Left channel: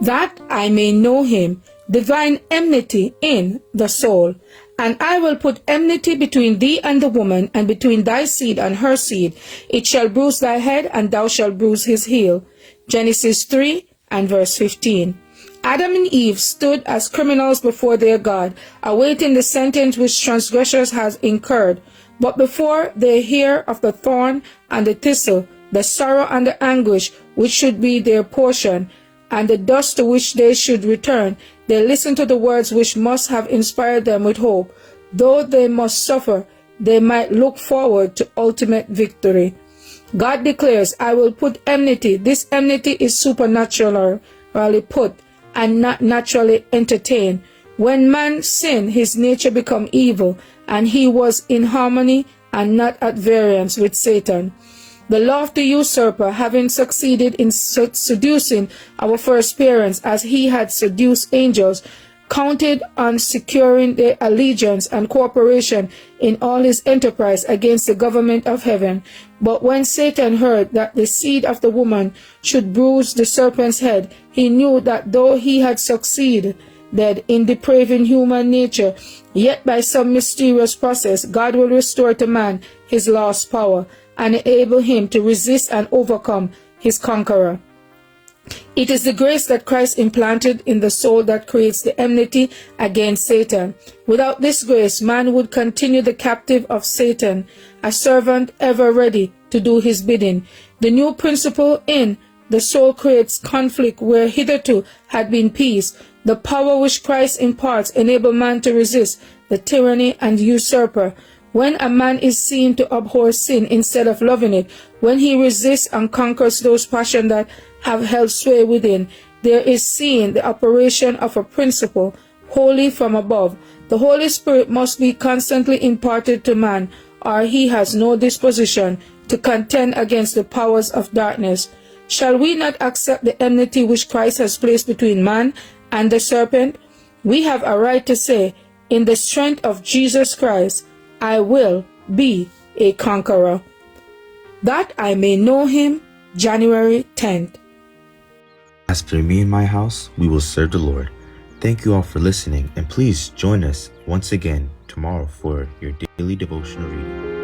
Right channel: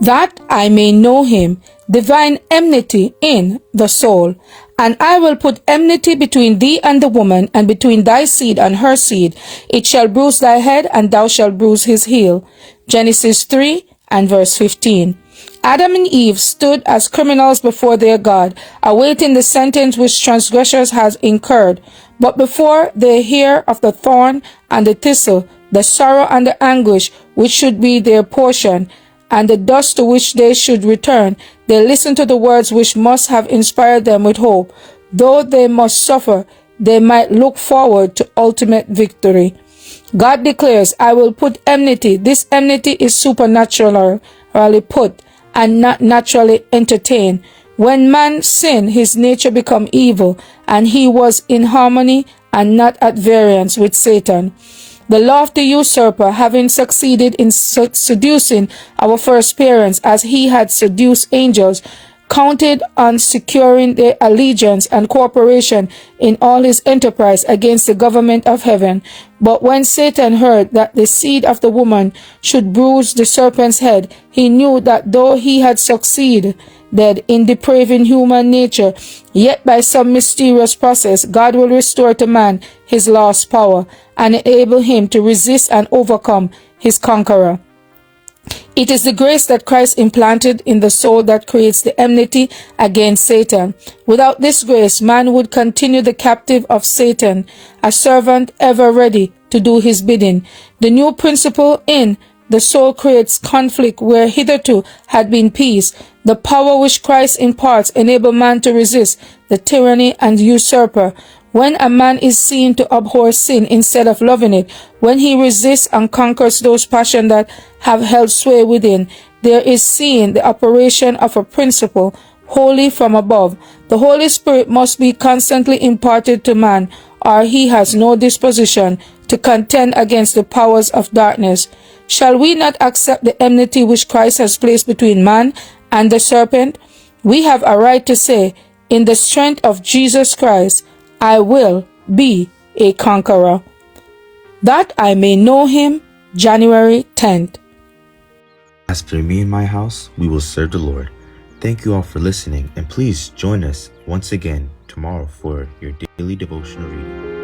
that I may know him, divine enmity in the soul. And I will put enmity between thee and the woman, and between thy seed and her seed. It shall bruise thy head, and thou shalt bruise his heel. Genesis 3 and verse 15. Adam and Eve stood as criminals before their God, awaiting the sentence which transgressors had incurred. But before they hear of the thorn and the thistle, the sorrow and the anguish which should be their portion, and the dust to which they should return, they listen to the words which must have inspired them with hope. Though they must suffer, they might look forward to ultimate victory. God declares, I will put enmity. This enmity is supernaturally put and not naturally entertained. When man sinned, his nature became evil, and he was in harmony and not at variance with Satan. The lofty usurper, having succeeded in seducing our first parents as he had seduced angels, counted on securing their allegiance and cooperation in all his enterprise against the government of heaven. But when Satan heard that the seed of the woman should bruise the serpent's head, he knew that though he had succeeded in depraving human nature, yet by some mysterious process God will restore to man his lost power and enable him to resist and overcome his conqueror. It is the grace that Christ implanted in the soul that creates the enmity against Satan. Without this grace, man would continue the captive of Satan, a servant ever ready to do his bidding. The new principle in the soul creates conflict where hitherto had been peace. The power which Christ imparts enables man to resist the tyranny and usurper. When a man is seen to abhor sin instead of loving it, when he resists and conquers those passions that have held sway within, there is seen the operation of a principle wholly from above. The Holy Spirit must be constantly imparted to man, or he has no disposition to contend against the powers of darkness. Shall we not accept the enmity which Christ has placed between man and the serpent? We have a right to say, in the strength of Jesus Christ, I will be a conqueror, that I may know him. January 10th. As for me and my house, we will serve the Lord. Thank you all for listening, and please join us once again tomorrow for your daily devotional reading.